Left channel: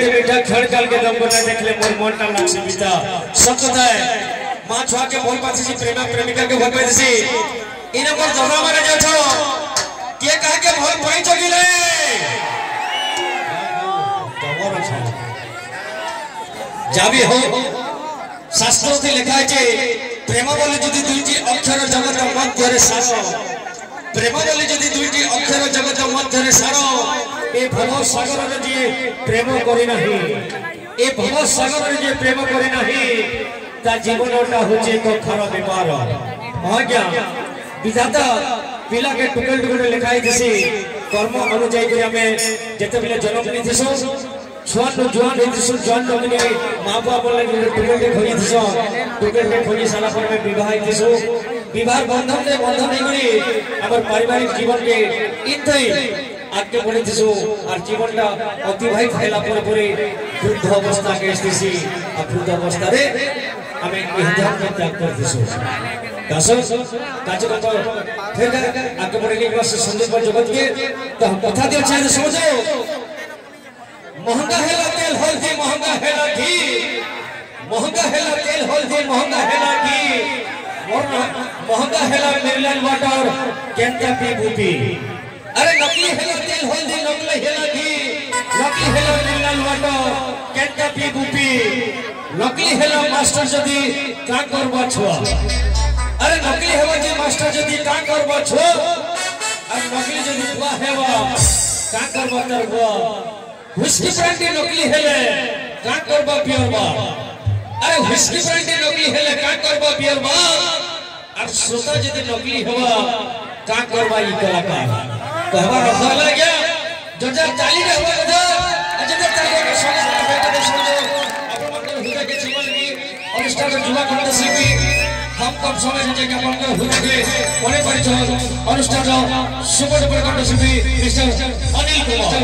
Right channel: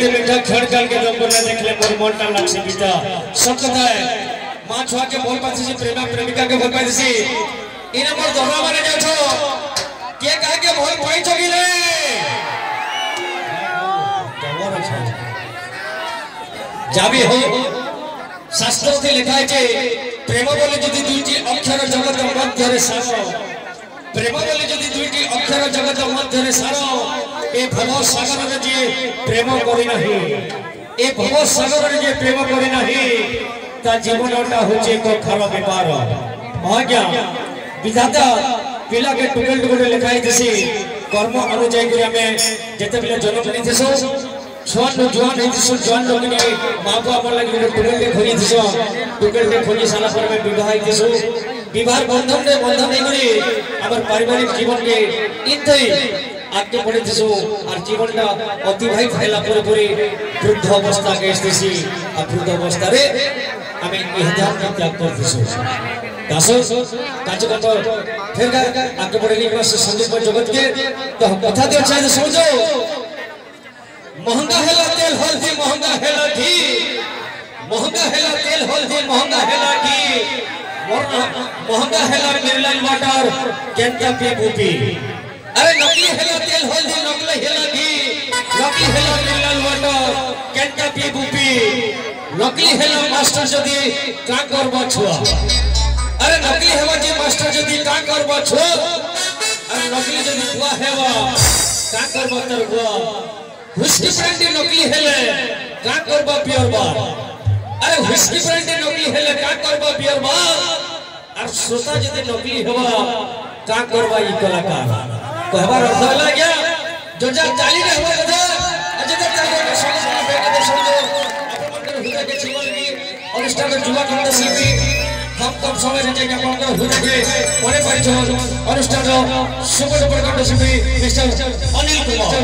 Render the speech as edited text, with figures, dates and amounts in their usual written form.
के मीठा खड़कल के दम बना देखले मोर मोटा लाक्षी पिता सकता है मां छुआ के मोर पाछे से प्रेमा प्रेमिका के भर पाछे इने मोर जबरा मारे जाछो के कह के भर पई चगिले जबर छ जाबी हो शास्त्र में लिखा है प्रेम बोले जदि दुईटी अक्षर जगत मध्य रे सारो प्रेम बोले जदि दुईटी अक्षर जगत मध्य रे सारो ए भव सागर रे जे प्रेम करि नाही ए भव सागर रे जे प्रेम करि नाही ता जीवनटा होचे को खरा विपार भाग्य विधाता पिला के टुकड़े टुकड़े लिखाई दिसी कर्म अनुଯାୟୀ କରି ଆମେ ଯେତେବେଳେ ଜନ୍ମ ନେଇଥିସୁ छुआन जुआन हेतिसु जुआन लगने मां बाप लगे टुकड़े खोली दिसो टुकड़े खोली साला पर में विवाह हेतिसु विवाह बंधन ने बंधन नहीं करी अगर पारिवारिक जीवन के इतै आगे बढ़े दिसु और जीवनटा अतिबाहित हैला पर पूरी वृद्ध अवस्था के स्थिति आ वृद्ध अवस्था रे हमें इहदार में त्याग कर दिसु दासो काज कत फिर आगे बढ़े के संदेश जगत के तो कथा दे चाहिए समझो महंगा है तेल हल्दी महंगा है घी महंगा है तेल हल्दी महंगा है घी महंगा है मिनरल वाटर केंद्र पे बूटी अरे नकली है तेल हल्दी नकली है घी नकली है मिनरल वाटर केंद्र पे बूटी नकली है मास्टर जदी का करबो छुआ अरे नकली है जे मास्टर जदी का करबो छुआ और नकली जदी हुआ है का करबो करबो व्हिस्की ब्रांडी नकली हेले का करबा पियर बार अरे व्हिस्की ब्रांडी नकली हेले का करबा पियर बार और सोता जदि नकली हेबा का करबा ई कलाकार कहबा अर्थ होला गया 2040 रे हो जा अजगर तारीख के संग के समझो अपन मंदिर हुआ के जीवन की अनुष्ठान जुवा कंठ शिल्पी कम समय जे के मंदिर हुआ के बड़े परिचय अनुष्ठान सुपर कंठ शिल्पी मिस्टर अनिल कुमार